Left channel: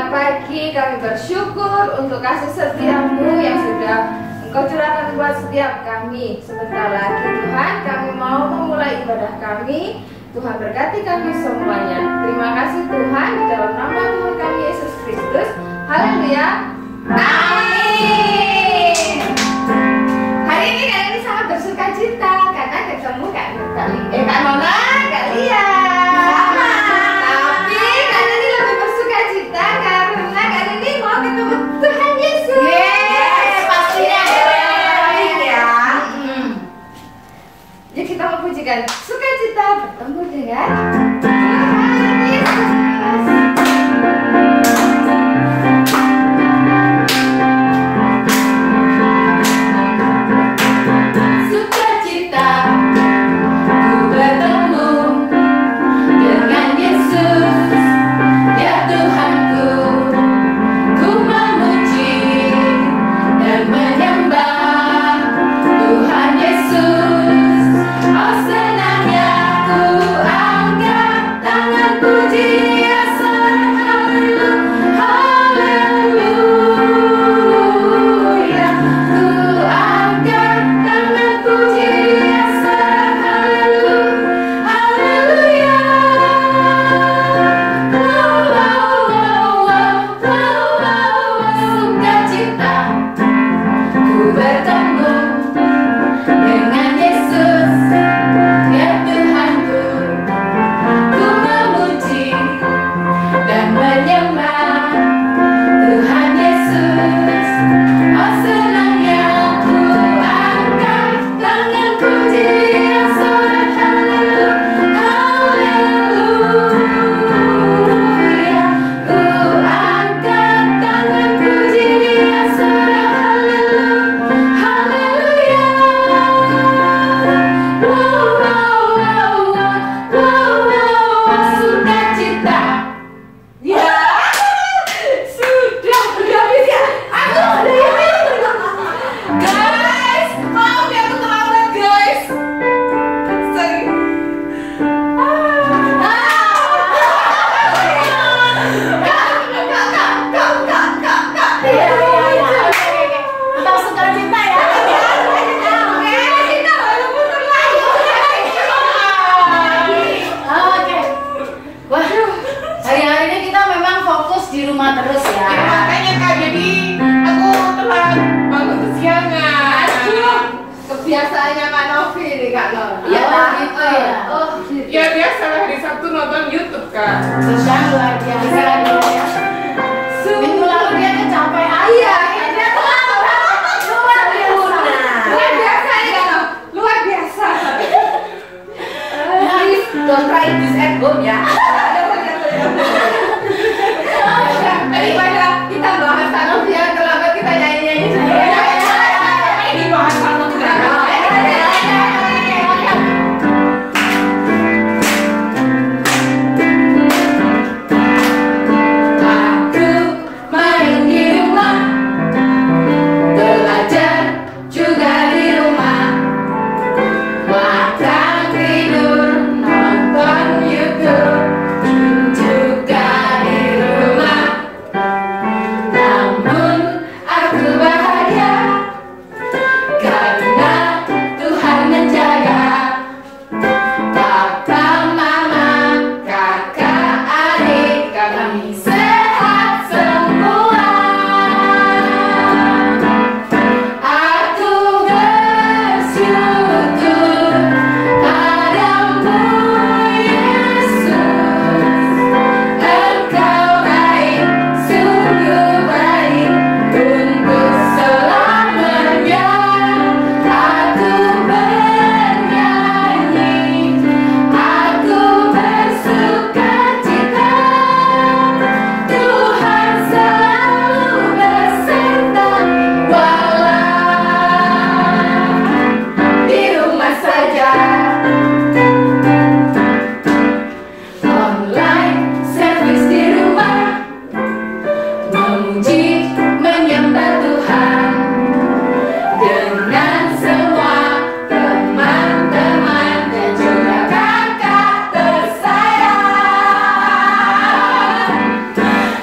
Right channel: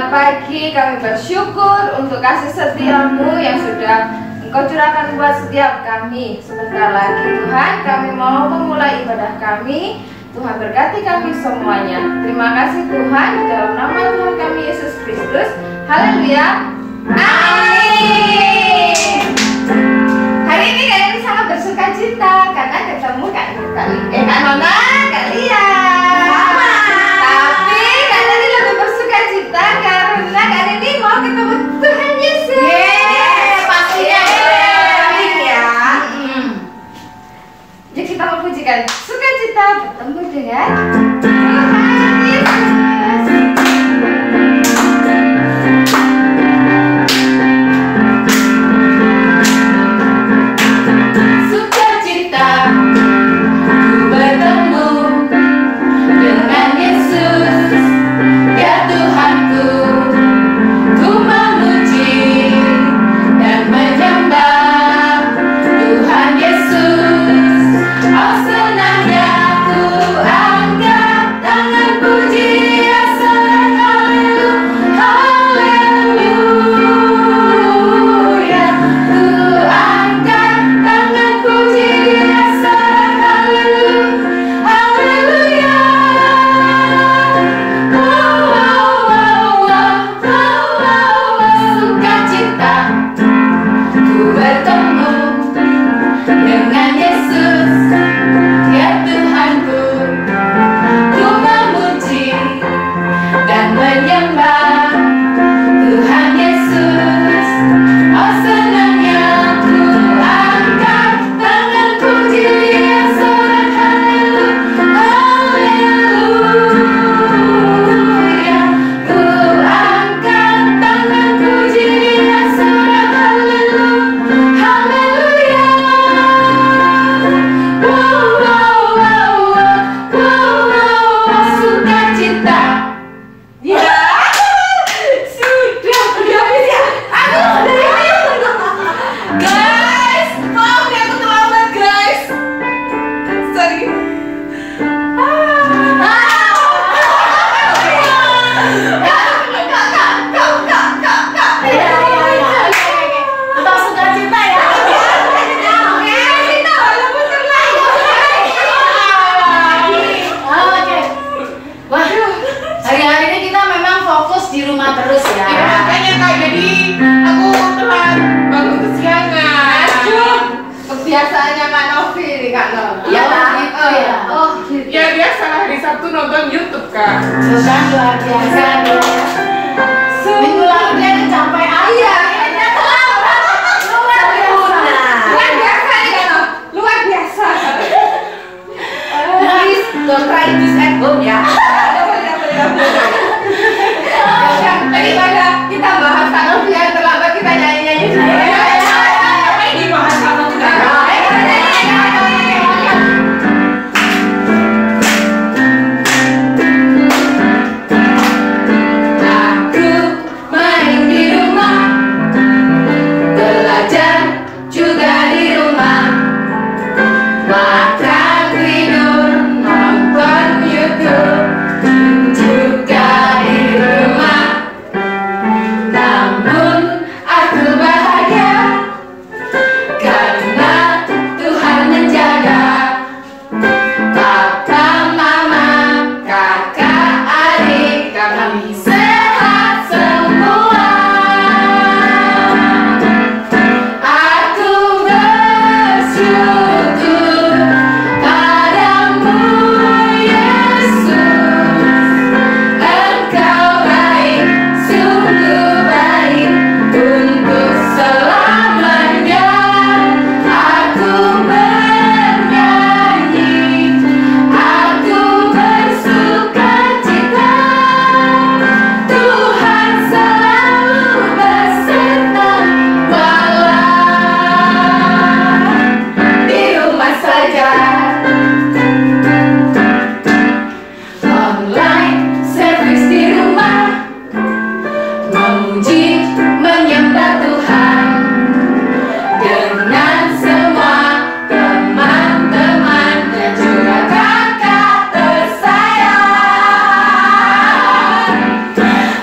Selamat pagi, kami bersyukur untuk kasih setiamu yang sudah Engkau curahkan buat setiap kami. Sebentar lagi Tuhan, kami mau memulai ibadah kami. Tuhan berkati kami semuanya. Terima kasih Tuhan, di dalam nama Tuhan kami Yesus Kristus. Haleluya. Amin. Hari ini sangat bersuka cita karena ketemu Kak Nona, Kak Lia. Tapi Kak Noni lebih bersuka cita karena Kak Noni mau ketemu Tuhan Yesus. Pastinya ya. Jadi kita memujikan sukacita bertemu dengan Tuhan Yesus.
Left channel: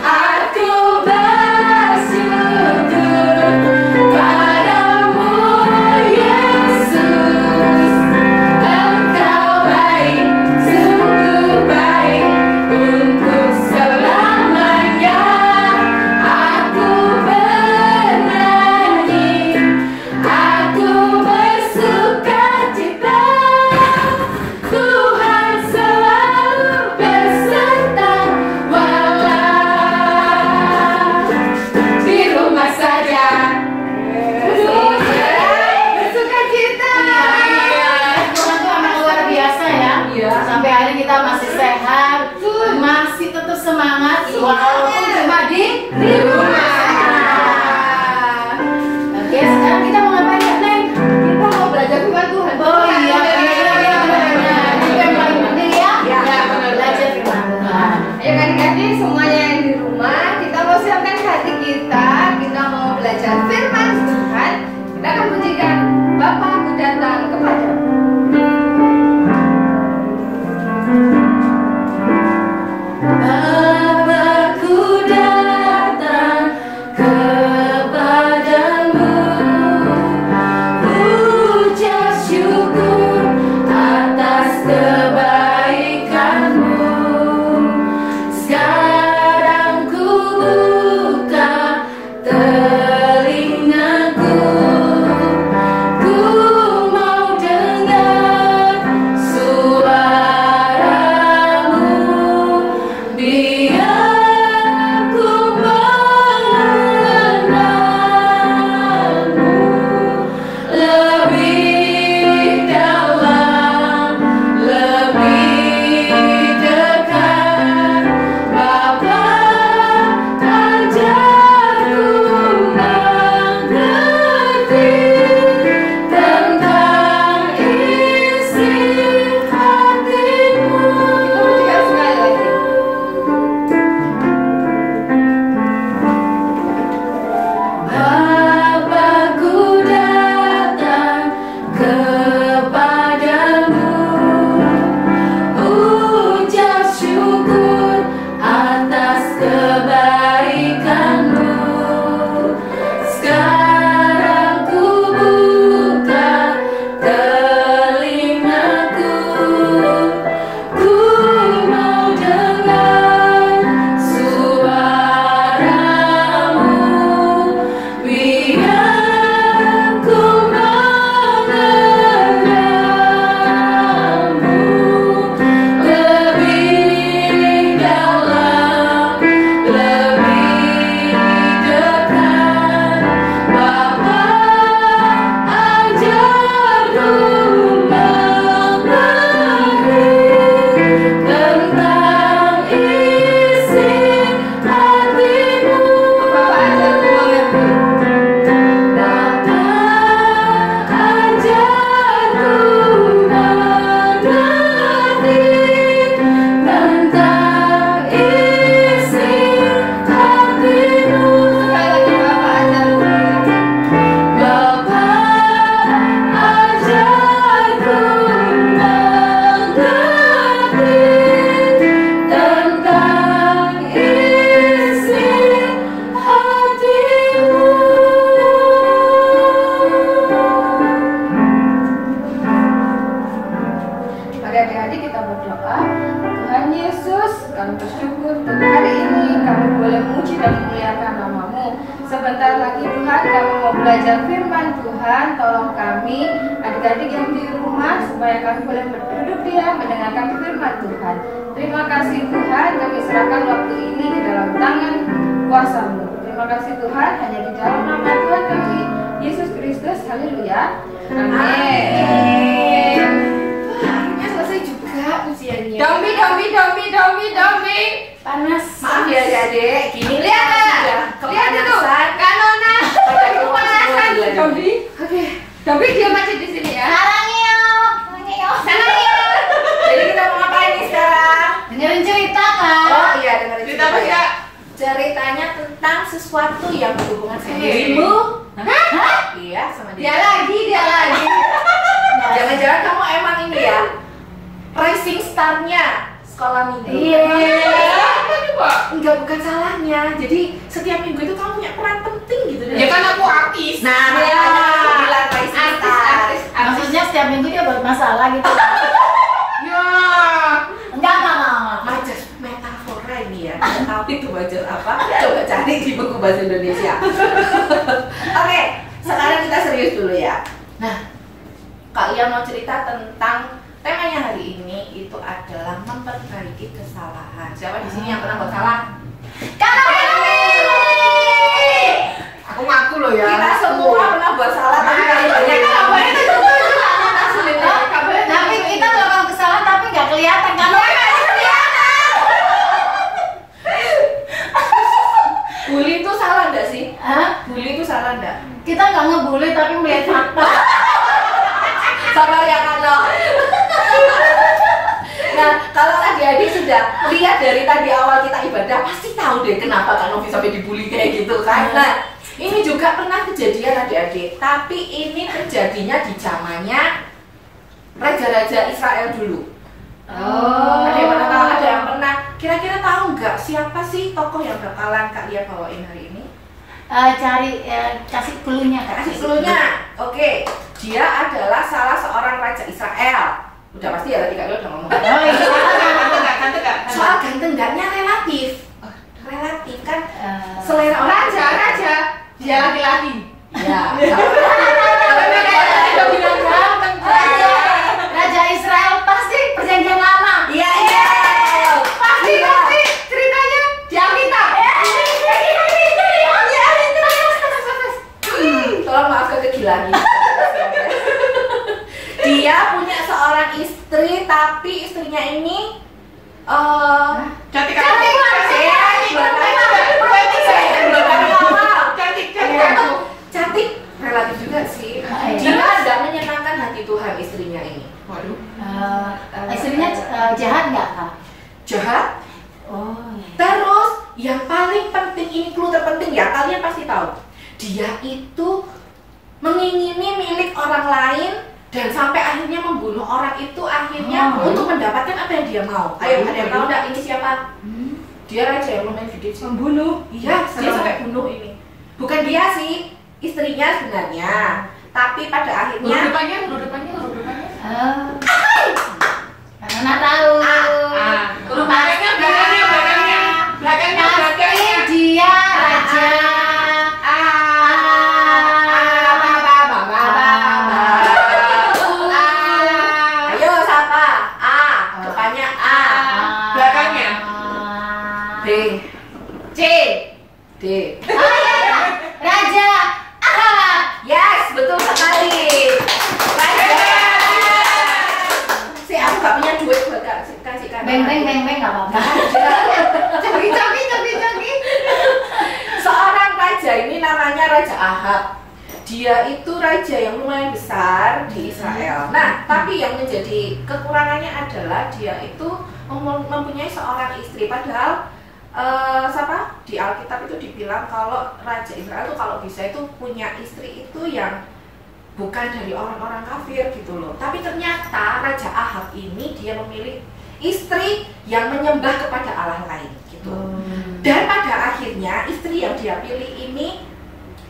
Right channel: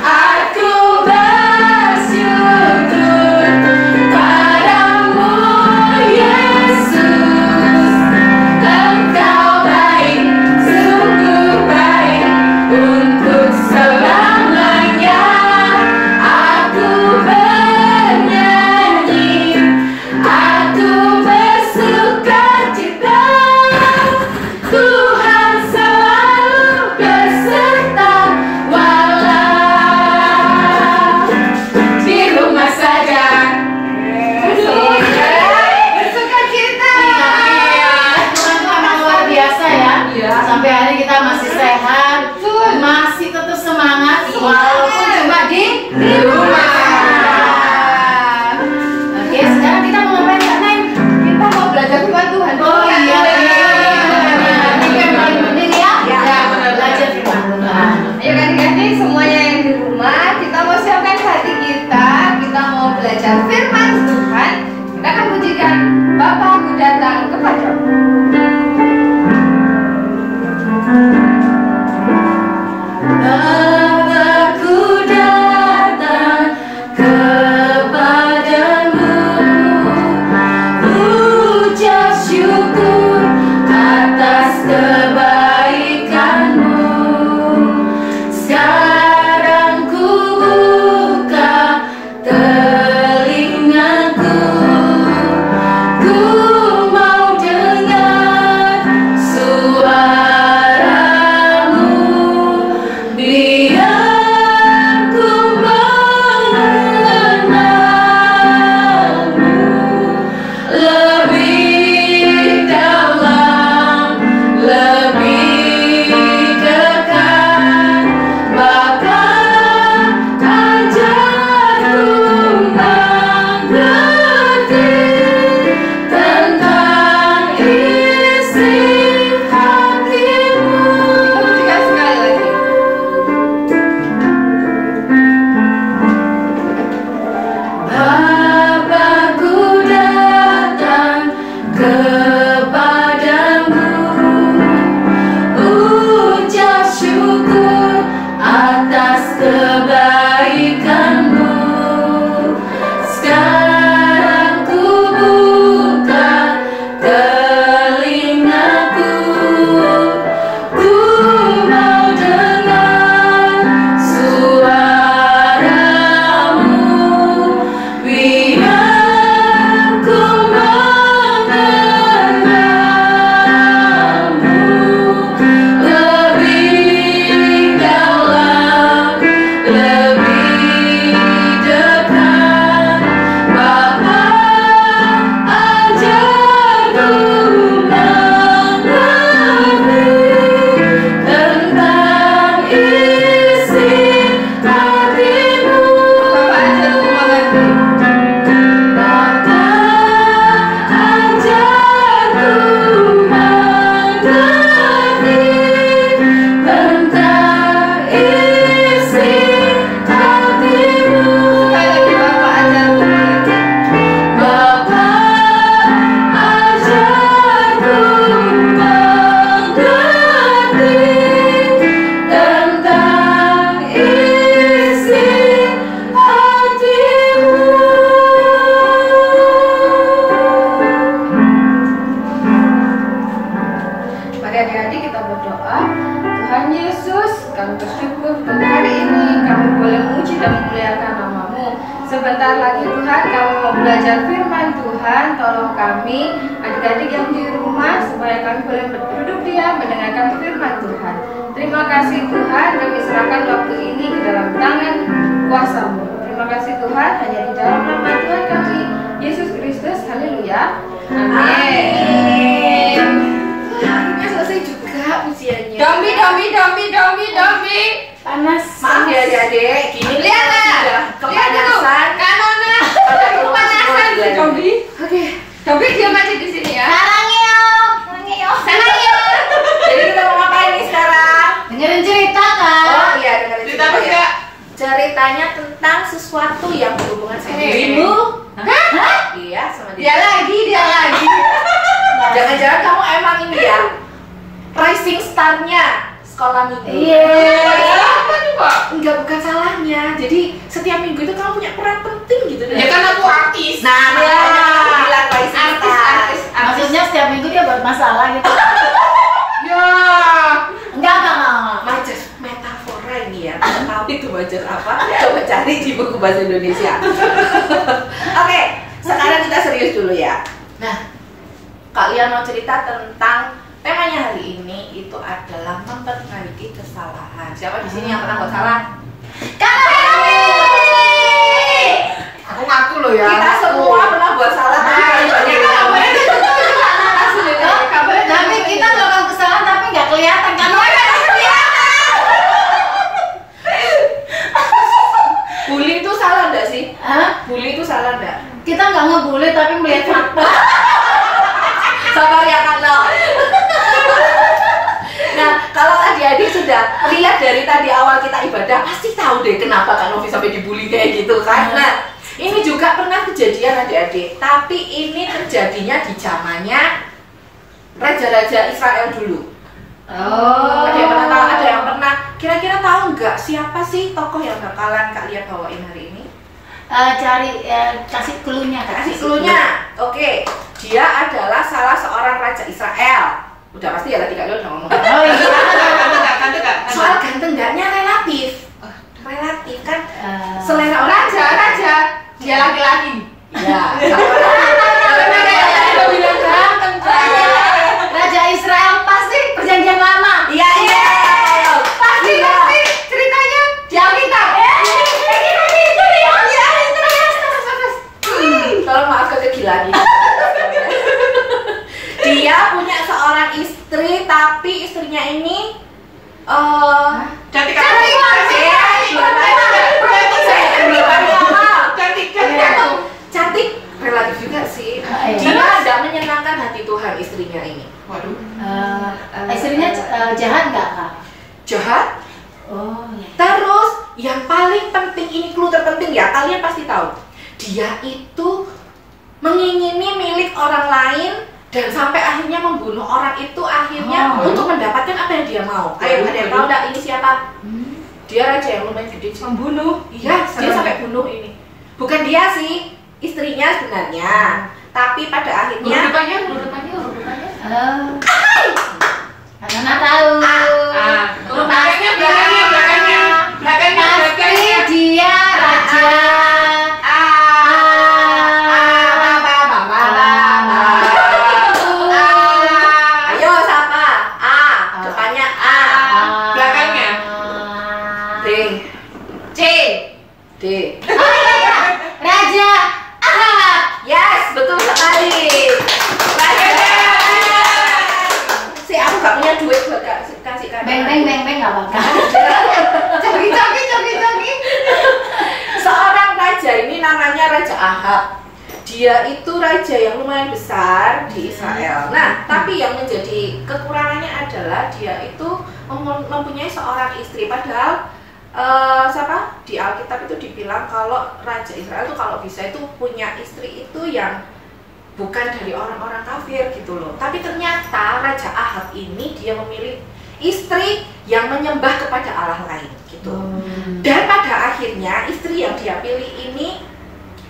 Aku belajar firman Tuhan, kita akan pujikan Bapakku datang kepadamu. Sebentar lagi Tuhan kami mau belajar firman Tuhan. Tolong kami adik-adik yang di rumah supaya kami boleh berduduk diam mendengarkan firman Tuhan. Terima kasih Tuhan, kami serahkan waktu ini ke dalam tangan kuasa-Mu. Terima kasih Tuhan, hanya di dalam nama Tuhan kami Yesus Kristus. Haleluya. Amin. Akhirnya selesai juga ujiannya. Dombi. Panas. Maaf ya adik-adik, gini lihat sudah kepanasan. Kanona. Kepanasan Dombi. Oke. Dombi diam aja di sini ya. Sarangeo. Jadi kita mau ngapain nih sekarang? Dengerin cerita kan? Oh iya, dengerin cerita ya. Ceritanya tentang sesuatu yang berhubungan sama dirimu. Hah? Iya, sama Dia lagi. Jangan-jangan kamu emang ini ya rising star-nya sekolah minggu. Iya. Apa coba? Enggak, bukan salahnya. Jadi setiap minggu itu kamu punya peran penting gitu deh. Ya kan aku artis. Nah, makanya aku bilang rising star. Maksudnya setiap minggu dia buat masalah gitu. Ya. Enggak. Majas metafora ini ya. Nggak tahu itu majas apa? Coba cari di buku bahasa Indonesia. Oke, sekarang kita serius dulu ya. Nah, kalian mau cerita tentang temanya hari ini itu adalah memperbaiki kesalahan. Siapa di sini yang pernah buat salah? Aku ngaku loh ya. Kita semua pernah buat salah, tapi paling banyak kabarnya itu Tapi kita melakukan kesalahan tapi nggak kelihatan kan? Bully itu salah nggak sih? Hah? Bully itu salah nggak? Kita nggak ngebully tapi melihat fakta. Sabar ya Kano. Nah, kalau adik-adik sudah lihat dari tadi awal kita ibadah, pasti tahu deh kenapa Kak Novi sampai dibully kayak gitu kan. Nah, Ini juga pernah kejadian adik-adik, tapi ini terjadinya di zamannya raja-raja Israel dulu. Oh. Ada yang pernah tahu? Ada yang pernah? Kira-kira tahu nggak siapa sih tokoh yang bakalan Kak Lia bawain hari ini? Kasih clue-nya, Kak. Kasih clue-nya. Oke, dia adalah salah seorang raja Israel. Udah pasti ya tadi Kak Lia udah ngomong. Oh iya. Soal ganteng enggaknya relatif. Relatif kan selera orang. Raja, dia laki-laki. Iya. Raja Israel pasti perjanjian lama. Iya. Pasti ceritanya di Alkitab. Tolong maafkan kegilaan ini. Dia punya seorang istri, tapi istrinya ini cantik relatif juga sih. Dia tidak menyenangkan hati Tuhan istrinya ini. Waduh. Istrinya jahat nggak, Kak? Jahat. Oh. Terus yang paling penting, ini clue terpenting ya, kalian pasti tahu. Dia itu mengingini milik orang lain dan sampai akhirnya membunuh orang itu akhirnya untuk mendapatkan apa yang dia mau. Ayo, ada yang tahu nggak ini siapa? Dia raja yang lumayan gede sih. Membunuh. Iya, dia sampai bunuh ini. Bukan dia sih, istrinya sebenarnya. Tapi pada akhirnya Huruf depannya. Karena tahu. Huruf belakangnya. Pasti dia raja. Ayo siapa? A, depannya A. Belakangnya. D. C. D. Raja Ahab. Yes, betul sekali. Si aku gak punya duit buat kasih kan. Beng nggak apa-apa. Jogi. Seorang raja ini namanya Raja Ahab. Dia itu raja yang lumayan besar di Israel. Nah, tapi yang menjadi kekurangannya adalah dia itu mempunyai seorang istri. Padahal di Alkitab itu dibilang kalau Raja Israel itu kalau bisa itu punya istri itu yang bukan dari orang-orang kafir gitu loh. Tapi ternyata Raja Ahab ini dia memilih istri yang menyembah kepada Allah lain gitu. Dan pada akhirnya istri yang dia pilih ini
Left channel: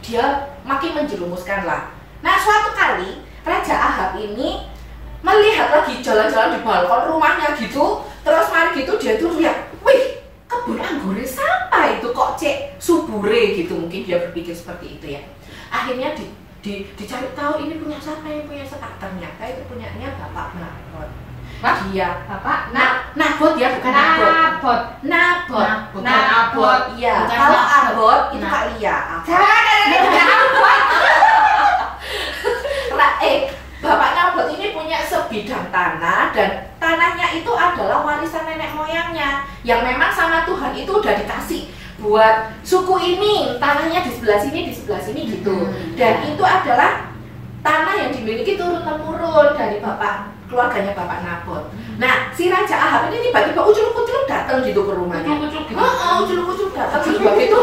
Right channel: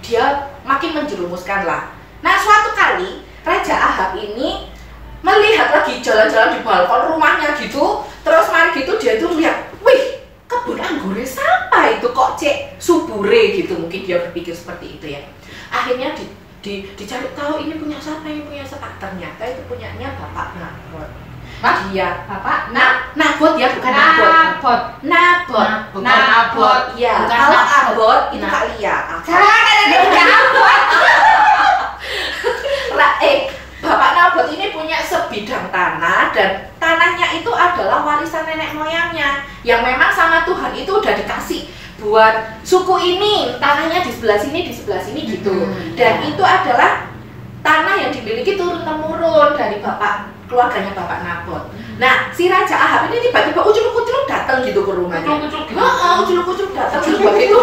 dia makin menjerumuskan lah. Nah, suatu kali Raja Ahab ini melihat lagi jalan-jalan di balkon rumahnya gitu, terus mari gitu dia itu lihat, wih, kebun anggurnya siapa itu kok cek subure gitu, mungkin dia berpikir seperti itu ya. Akhirnya dicari tahu ini punya siapa, ini punya siapa. Ternyata itu punyanya Bapak Nabot. Dia Bapak Nabot ya, bukan Nabot. Nabot. Bukan Abot. Iya, Bukan kalau Nabot. Abot itu Kak Lia. Bapak Nabot ini punya sebidang tanah dan tanahnya itu adalah warisan nenek moyangnya yang memang sama Tuhan itu udah dikasih buat suku ini, tanahnya di sebelah sini gitu. Dan itu adalah tanah yang dimiliki turun-temurun dari keluarganya Bapak Nabot. Nah, si Raja Ahab ini tiba-tiba ucluk-ucluk datang gitu ke rumahnya. Ucluk-ucluk datang terus begitu.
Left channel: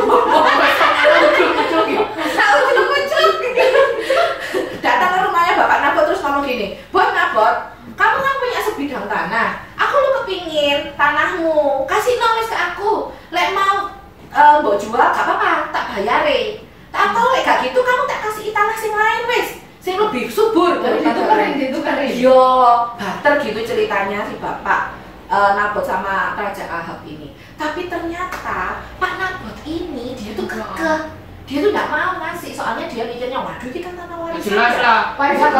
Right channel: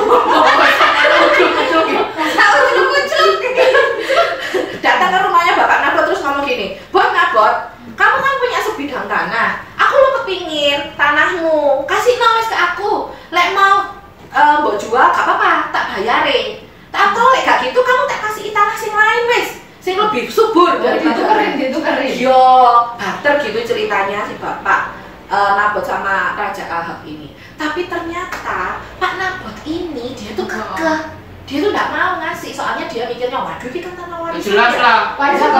Datang ke rumahnya Bapak Nabot terus ngomong gini, "Bos Nabot, kamu kan punya sebidang tanah. Aku lo kepingin tanahmu, kasih nulis ke aku. Lek mau mbok jual gak apa-apa, tak bayarin. Tak kalau lek gak gitu kamu tak kasih tanah sing lain wis. Sing lebih subur daripada gitu keren. Yo, barter gitu ceritanya si Bapak Nabot sama Raja Ahab ini. Tapi ternyata Pak Nabot ini dia tuh kekeh. Dia tuh nggak mau ngasih, soalnya dia mikirnya, waduh kita tanah warisan Jelas ya. lah. Warisan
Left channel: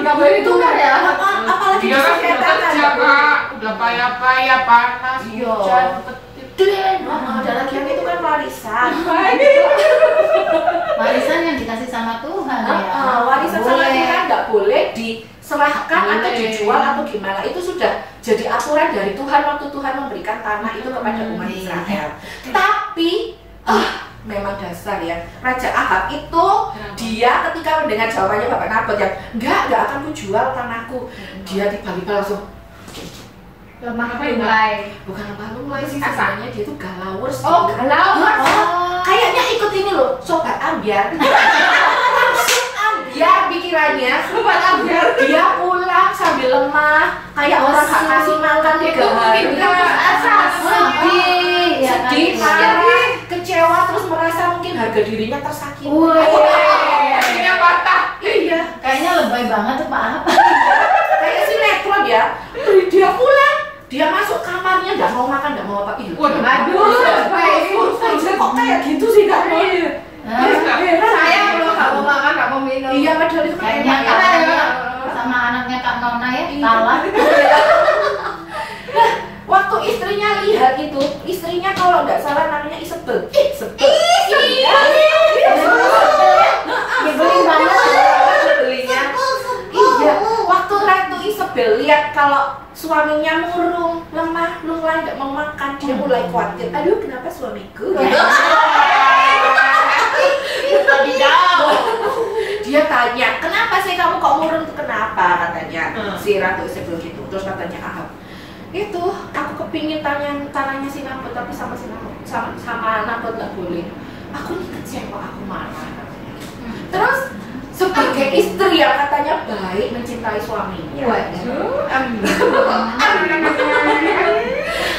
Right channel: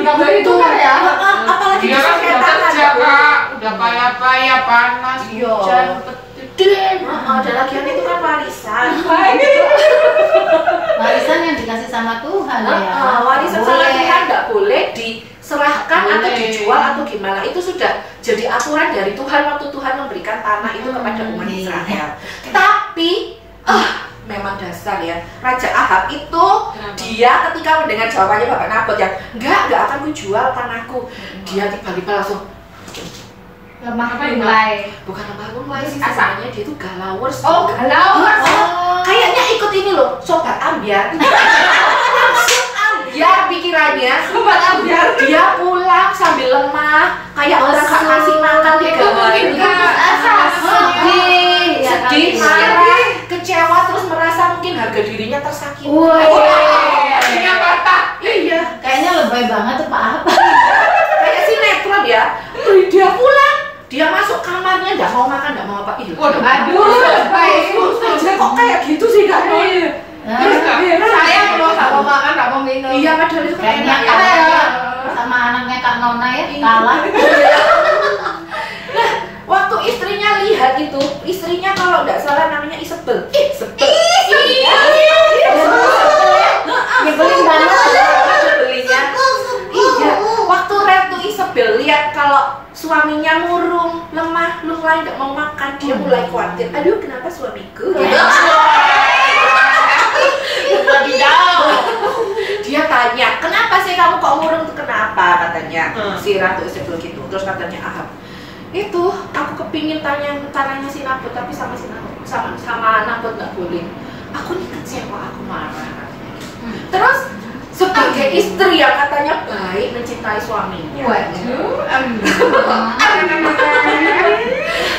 Nggak boleh Itu kan ya, apalagi Dia kan udah kerja kak, udah payah panas, Iya. hujan, petir. Dan lagian itu kan warisan. Warisan yang dikasih sama Tuhan ya. Warisan sama Tuhan nggak boleh diserahkan Nggak atau boleh. dijual atau gimana. Itu sudah jadi aturan dari Tuhan waktu Tuhan memberikan tanah itu kepada umat Israel. Tapi memang dasar ya, Raja Ahab itu dia ketika mendengar jawabannya Bapak Nabot yang nggak akan kujual tanahku, dia tiba-tiba langsung Lemah mulai. bukan lemah sih sebenarnya, dia itu galawers. Oh, galau. Kayaknya ikut ini loh, sobat ambiar. Langsung ambiar pikirannya. Sobat ambiar. Dia pulang sambil lemah, kayak orang gak kasih makan 3 hari. Sedih, ya kan? Sedih, marah, kecewa, terus merasa mungkin harga dirinya tersakiti. Hatinya patah. Iya, Kayaknya lebay banget tuh Pak Ahab. kayak sinetron ya. Dia pulang, dia masuk kamarnya, nggak mau makan, nggak mau apa. Ih, Waduh. Aduh, baik. aja kok kayak gitu sih Kak Noi? Saya belum gak mau makan, gak mau minum. Iya, padahal itu kan Kayaknya enak ya. anaknya sama anaknya Kak Nona ya Iya. kalah. Nah, waktu istrinya lihat itu, istrinya kalau nggak salah namanya Isabel. Isabel. Iya. Nyebelin banget. Belinya. Iya. Waktu Ratu Isabel lihat kalau suaminya murung, lemah, lunglai, nggak mau makan, dia mulai khawatir. Aduh, kenapa suamiku? Gitu. Dia tanya, kenapa sih kamu kok murung tuh kenapa? Katanya si Ratu Isabel gitu. Terus katanya Ahab, itu aku kepingin tanahnya si Nabot tapi sama si Nabot sama Nabot nggak boleh. Aku nih kecewa, aku marah katanya. Terus sebagai istri yang katanya baik mencintai suaminya, Waduh,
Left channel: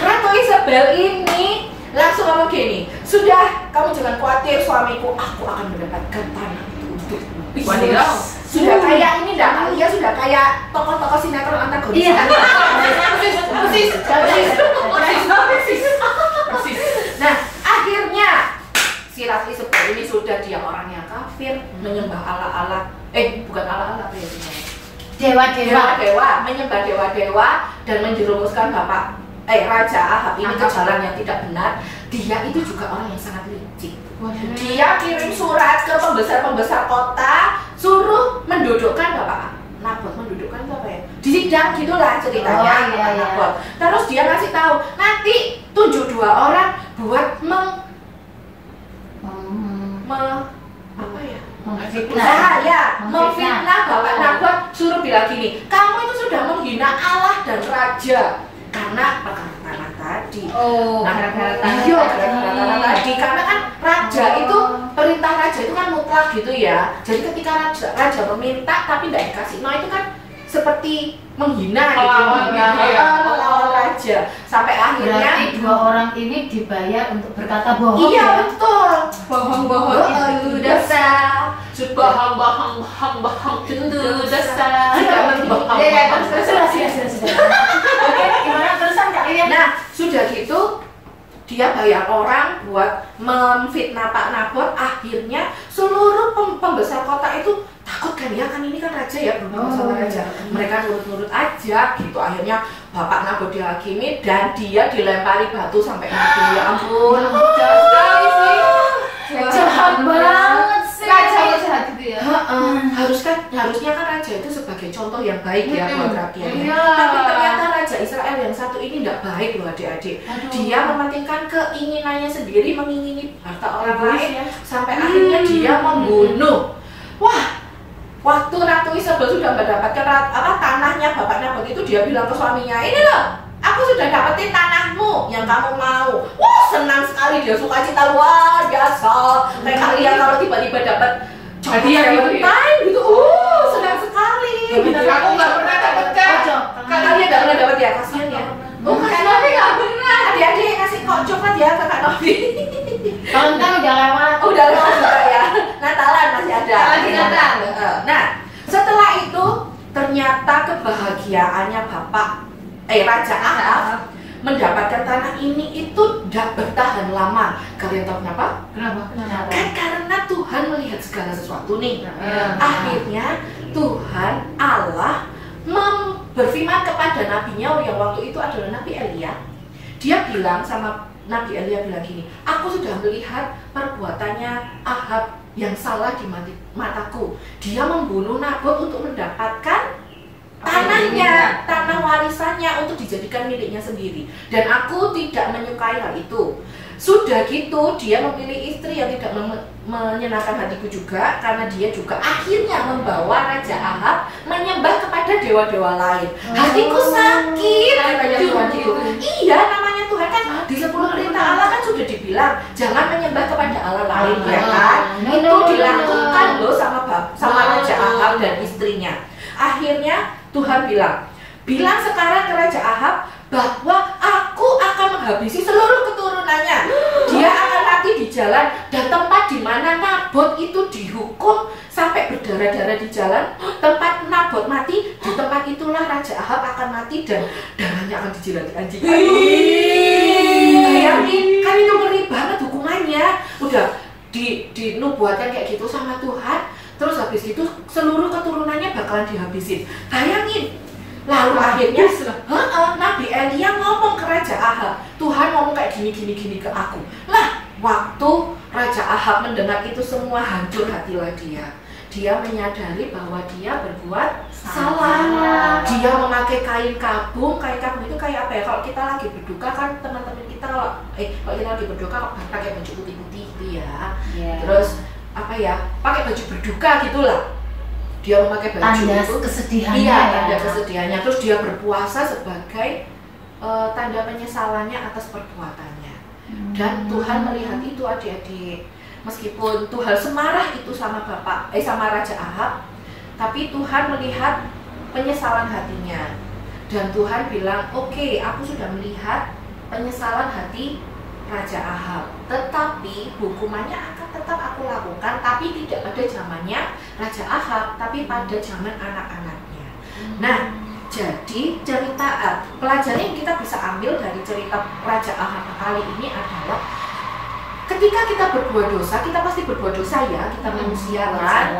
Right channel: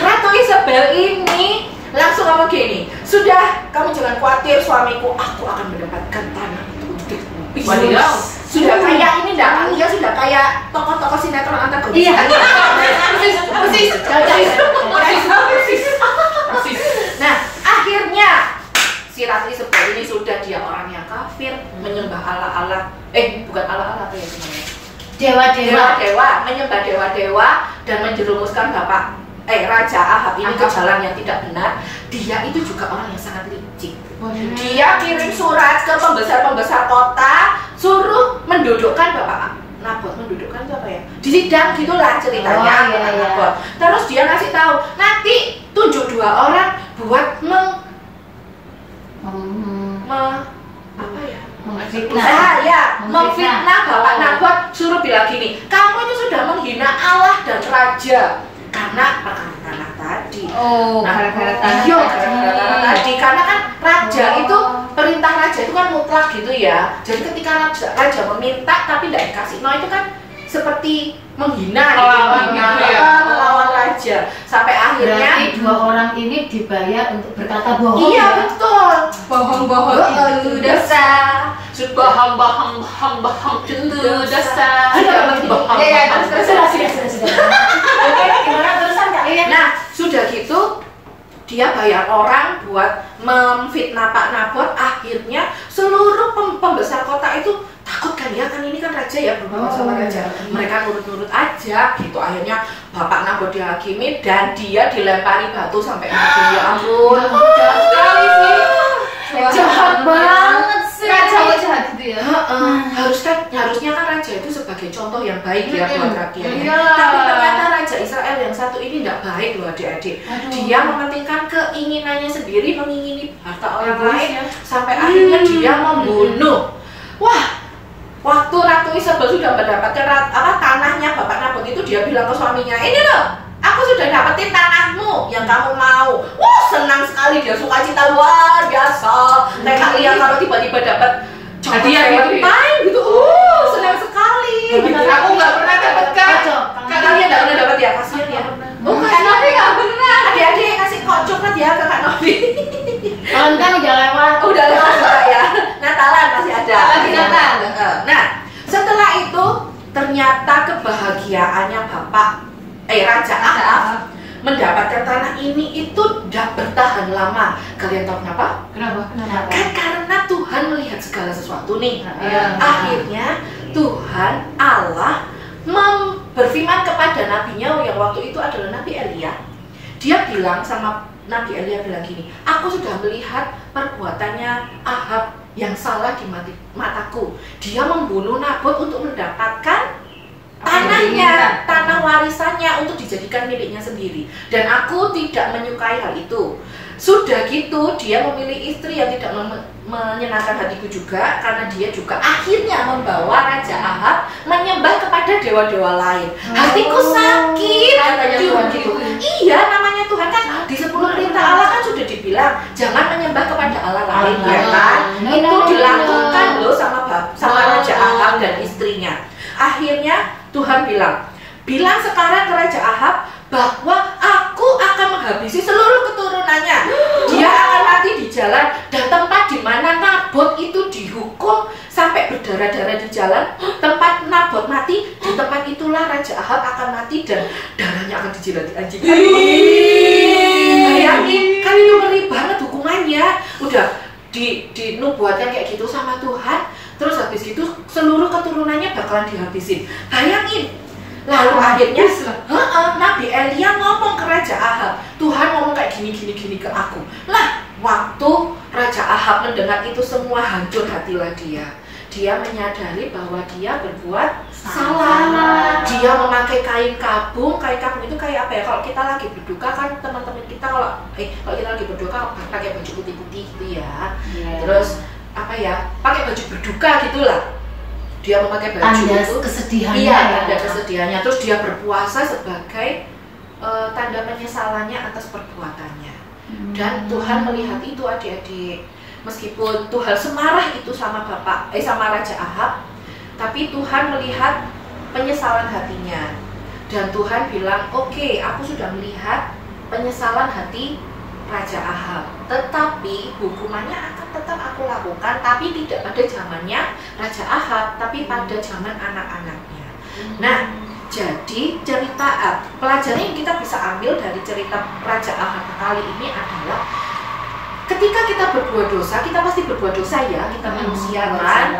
Ratu Isabel ini langsung ngomong gini, sudah kamu jangan khawatir suamiku, aku akan mendapatkan tanah itu untukmu. Wadidaw. Sudah kayak ini dah, Alia sudah kayak tokoh-tokoh sinetron antagonis. Iya. Persis. Nah, akhirnya si Ratu Isabel ini sudah dia orang yang kafir, menyembah ala-ala, bukan ala-ala apa ya namanya? Dewa-dewa, menyembah dewa-dewa dan menjerumuskan Raja Ahab ini ke jalan yang tidak benar. Dia itu juga orang yang sangat licik. Dia kirim surat ke pembesar-pembesar kota, suruh mendudukkan Bapak Nabot. Mendudukkan itu apa ya? Di sidang gitulah ceritanya. Oh, iya, iya. Nabot. Terus dia ngasih tahu, nanti tunjuk 2 orang buat memfitnah Bapak Nabot, suruh bilang gini, kamu itu sudah menghina Allah dan Raja karena perkara tanah tadi. gara-gara tanah. Iya, gara-gara tanah tadi. Karena kan raja itu, perintah raja itu kan mutlak gitu ya. Jadi ketika raja meminta tapi tidak dikasih, nah itu kan seperti menghina gitu, melawan raja. Sampai akhirnya Berarti 2 orang ini dibayar untuk berkata bohong. iya ya? betul. Bohong-bohong itu dosa. Bahang itu dosa. Oke, gimana terusan Kak Lilian? Nah, sudah gitu dia bayar orang buat memfitnah Pak Nabot. Akhirnya seluruh pembesar kota itu takut kan ya, kan ini kan raja ya, berhubungan sama raja. Mereka nurut-nurut aja gitu. Akhirnya Bapak Nabot dihakimi dan dia dilempari batu sampai mati. Ya ampun, jahat sekali sih. Jahat banget sih. Kacau jahat itu ya. Harusnya kan raja itu sebagai contoh yang baik ya buat rakyatnya. Iya. Tapi ternyata raja Israel yang satu ini tidak baik loh adik-adik. Dia mementingkan keinginannya sendiri, mengingini harta orang lain, sampai akhirnya dia membunuh. Wah, waktu Ratu Isabel sudah mendapatkan tanahnya Bapak Nabot itu, dia bilang ke suaminya, ini loh, aku sudah dapetin tanahmu yang kamu mau. Wah, senang sekali dia, sukacita luar biasa. Kayak kalian kalau tiba-tiba dapat hadiah gitu, senang sekali. Aku nggak pernah dapat kan. Kalian nggak pernah dapat ya, kasihan ya. Kak Novi nggak pernah. Adik-adik kasih kok coklat ya ke Kak Novi. Valentine udah lewat. Udah lewat juga ya. Natalan masih ada. Masih Natal. Nah, setelah itu ternyata kebahagiaannya Raja Ahab mendapatkan tanah ini itu tidak bertahan lama. Kalian tahu kenapa? Kenapa? Kan karena Tuhan melihat segala sesuatu nih. Iya. Akhirnya Tuhan Allah berfirman kepada nabinya yang waktu itu adalah Nabi Elia. Dia bilang sama Nabi Elia bilang gini, aku sudah melihat perbuatannya Ahab yang salah di mataku. Dia membunuh Nabot untuk mendapatkan tanahnya, tanah warisannya untuk dijadikan miliknya sendiri. Dan aku tidak menyukai hal itu. Sudah gitu, dia memilih istri yang tidak menyenangkan hatiku juga, karena dia juga akhirnya membawa Raja Ahab menyembah kepada dewa-dewa lain. Hatiku sakit, katanya Tuhan gitu. Iya, namanya Tuhan kan di 10 perintah Allah kan sudah dibilang jangan menyembah kepada Allah lain, ya kan? Itu dilakukan loh sama Raja Ahab dan istrinya. Akhirnya Tuhan bilang sekarang ke Raja Ahab bahwa aku akan menghabisi seluruh keturunannya. Dia akan mati di jalan, dan tempat di mana Nabot itu dihukum sampai berdarah-darah di jalan, tempat Nabot mati, di tempat itulah Raja Ahab akan mati dan darahnya akan dijilati anjing. Bayangin, kan itu ngeri banget hukumannya. Udah dinubuatkan kayak gitu sama Tuhan, terus habis gitu seluruh keturunannya bakalan dihabisin. Bayangin. Lalu akhirnya Nabi Elia ngomong ke Raja Ahab, Tuhan ngomong kayak gini ke aku. Lah, waktu Raja Ahab mendengar itu semua, hancur hatilah dia. Dia menyadari bahwa dia berbuat salah. Dia memakai kain kabung. Kain kabung itu kayak apa ya? Kalau kita lagi berduka kan teman-teman kita kalau kita lagi berduka pakai baju putih-putih gitu ya. Terus apa ya? Pakai baju berduka gitulah. Dia memakai baju tanda itu kesedihannya. Iya, tanda kesedihannya. Terus dia berpuasa sebagai tanda penyesalannya atas perbuatannya. Dan Tuhan melihat itu adik-adik. Meskipun Tuhan semarah itu sama sama Raja Ahab, tapi Tuhan melihat penyesalan hatinya. Dan Tuhan bilang, "Oke, aku sudah melihat penyesalan hati Raja Ahab, tetapi hukumannya akan tetap aku lakukan, tapi tidak pada zamannya Raja Ahab, tapi pada zaman anak-anaknya." Nah, jadi cerita pelajaran yang kita bisa ambil dari cerita Raja Ahab kali ini adalah ketika kita berbuat dosa, kita pasti berbuat dosa ya, kita manusia kan,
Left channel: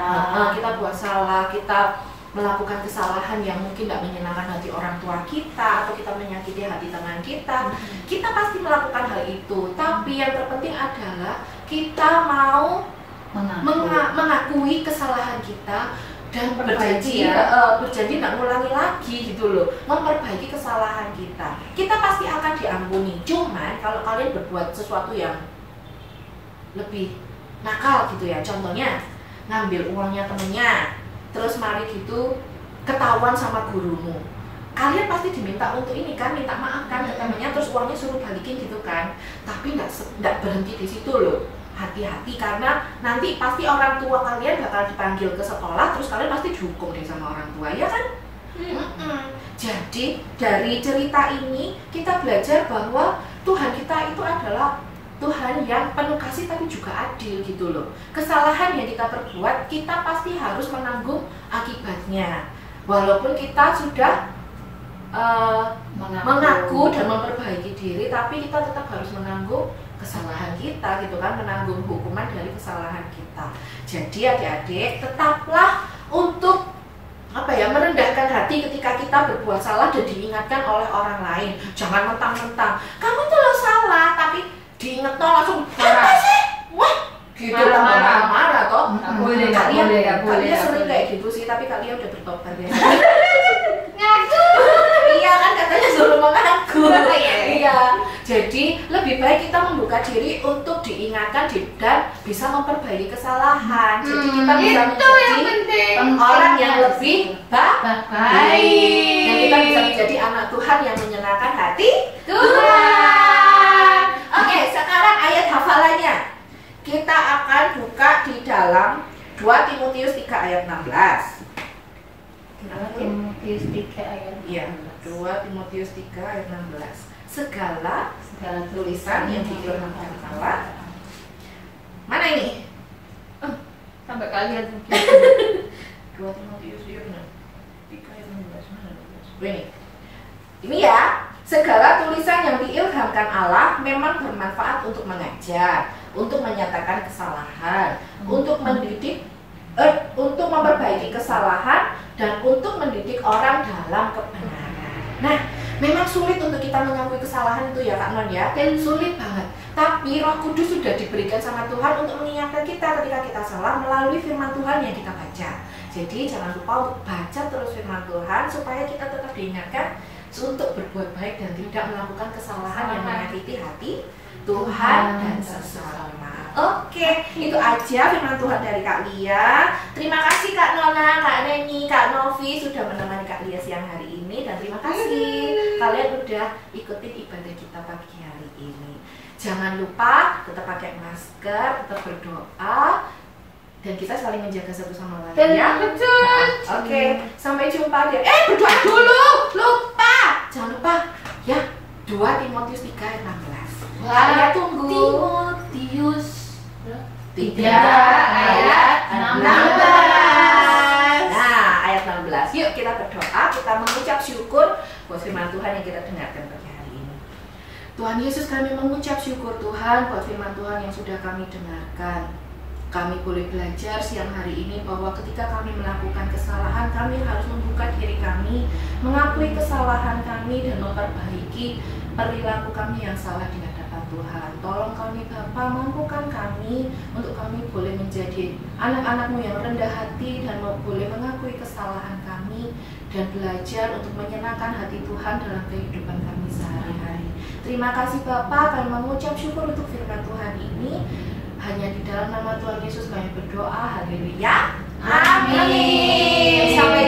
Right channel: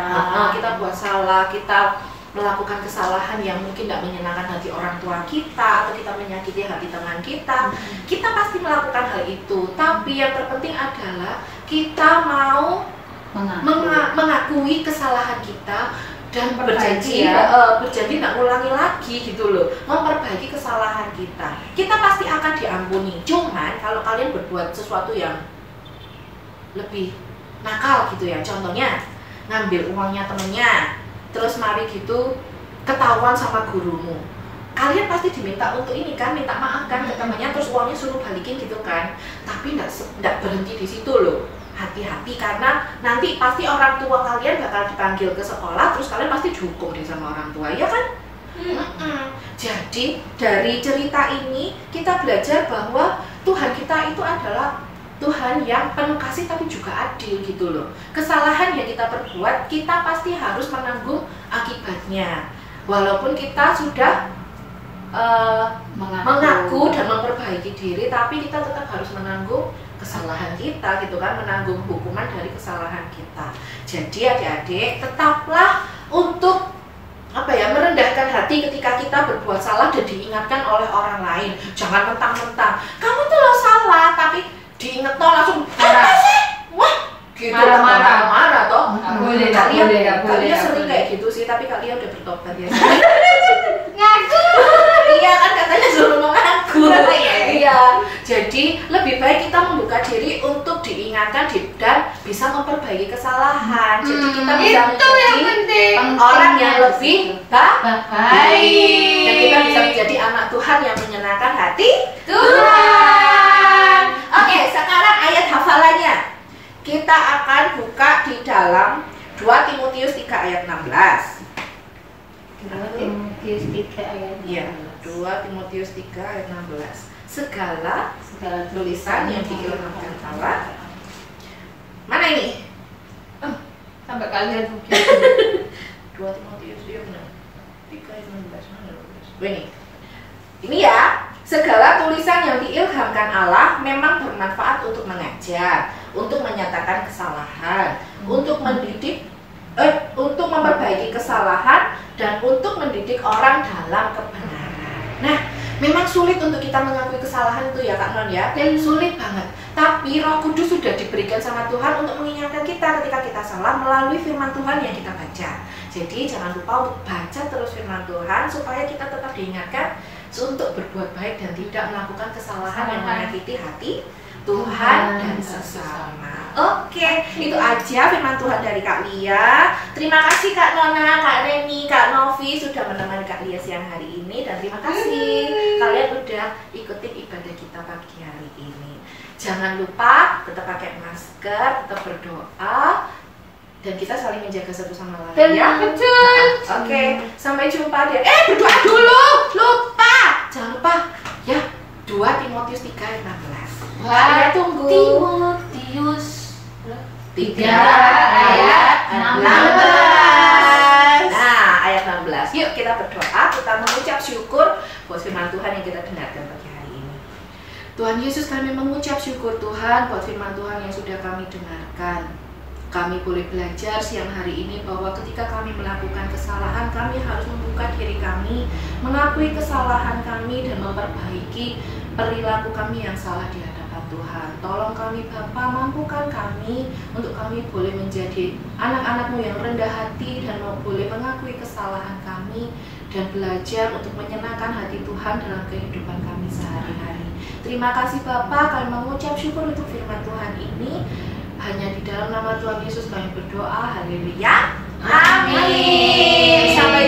kita buat salah, kita melakukan kesalahan yang mungkin tidak menyenangkan hati orang tua kita, atau kita menyakiti hati teman kita, kita pasti melakukan hal itu. Tapi yang terpenting adalah kita mau mengakui kesalahan kita dan berjanji nggak ngulangi lagi gitu loh, memperbaiki kesalahan kita. Kita pasti akan diampuni. Cuman kalau kalian berbuat sesuatu yang lebih nakal gitu ya, contohnya ngambil uangnya temennya, terus mari gitu ketahuan sama gurumu, kalian pasti diminta untuk ini kan, minta maaf kan ke temennya, terus uangnya suruh balikin gitu kan. Tapi nggak berhenti di situ loh, hati-hati karena nanti pasti orang tua kalian bakal dipanggil ke sekolah, terus kalian pasti dihukum deh sama orang tua, ya kan? Jadi dari cerita ini kita belajar bahwa Tuhan kita itu adalah Tuhan yang penuh kasih tapi juga adil gitu loh. Kesalahan yang kita perbuat, kita pasti harus menanggung akibatnya. Walaupun kita sudah mengaku dan memperbaiki diri, tapi kita tetap harus menanggung kesalahan kita gitu kan, menanggung hukuman dari kesalahan kita. Jadi adik-adik, tetaplah untuk merendahkan hati ketika kita berbuat salah dan diingatkan oleh orang lain. Jangan mentang-mentang kamu tuh lo salah, tapi diinget toh langsung marah sih, wah gitu, marah toh. Kalian sering kayak gitu sih, tapi kalian udah bertobat ya. Ngaku, iya kan katanya suruh mengaku. Iya, jadi lebih baik kita membuka diri untuk diingatkan dan bisa memperbaiki kesalahan. Jadi kita bisa menjadi orang yang lebih baik, dan kita bisa menjadi anak Tuhan yang menyenangkan hati Tuhan. Oke, sekarang ayat hafalannya. Kita akan buka di dalam 2 Timotius 3 ayat 16. 2 Timotius 3 ayat 16. Iya, 2 Timotius 3 ayat 16. Segala tulisan yang diilhamkan Allah. Mana ini? Sampai kalian mungkin 2 Timotius, iya benar. 3 ayat 16 mana? Ini ya. Segala tulisan yang diilhamkan Allah memang bermanfaat untuk mengajar, untuk menyatakan kesalahan, untuk mendidik, untuk memperbaiki kesalahan, dan untuk mendidik orang dalam kebenaran. Nah, memang sulit untuk kita mengakui kesalahan itu ya Kak Non ya, sulit banget. Tapi Roh Kudus sudah diberikan sama Tuhan untuk mengingatkan kita ketika kita salah melalui firman Tuhan yang kita baca. Jadi jangan lupa untuk baca terus firman Tuhan supaya kita tetap diingatkan untuk berbuat baik dan tidak melakukan kesalahan yang menyakiti hati Tuhan dan sesama. Oke, itu aja firman Tuhan dari Kak Lia. Terima kasih Kak Nona, Kak Reni, Kak Novi sudah menemani Kak Lia siang hari ini, dan terima kasih kalian udah ikutin ibadah kita pagi hari ini. Jangan lupa tetap pakai masker, tetap berdoa, dan kita saling menjaga satu sama lain. Ya, Betul. Oke, sampai jumpa dia. Berdoa dulu, lupa. Jangan lupa ya. 2 Timotius 3 ayat 16. Wah, tunggu. Timotius 3 ayat 16. Nah, ayat 16. Yuk kita berdoa, kita mengucap syukur buat firman Tuhan yang kita dengarkan pagi hari ini. Tuhan Yesus, kami mengucap syukur Tuhan buat firman Tuhan yang sudah kami dengarkan. Kami boleh belajar siang hari ini bahwa ketika kami melakukan kesalahan, kami harus membuka diri kami, mengakui kesalahan kami dan memperbaiki perilaku kami yang salah di hadapan Tuhan. Tolong kami Bapa, mampukan kami untuk kami boleh menjadi anak-anak-Mu yang rendah hati dan boleh mengakui kesalahan kami dan belajar untuk menyenangkan hati Tuhan dalam kehidupan kami sehari-hari. Terima kasih Bapa, kami mengucap syukur untuk firman Tuhan ini. Hanya di dalam nama Tuhan Yesus kami berdoa. Haleluya. Amin. Sampai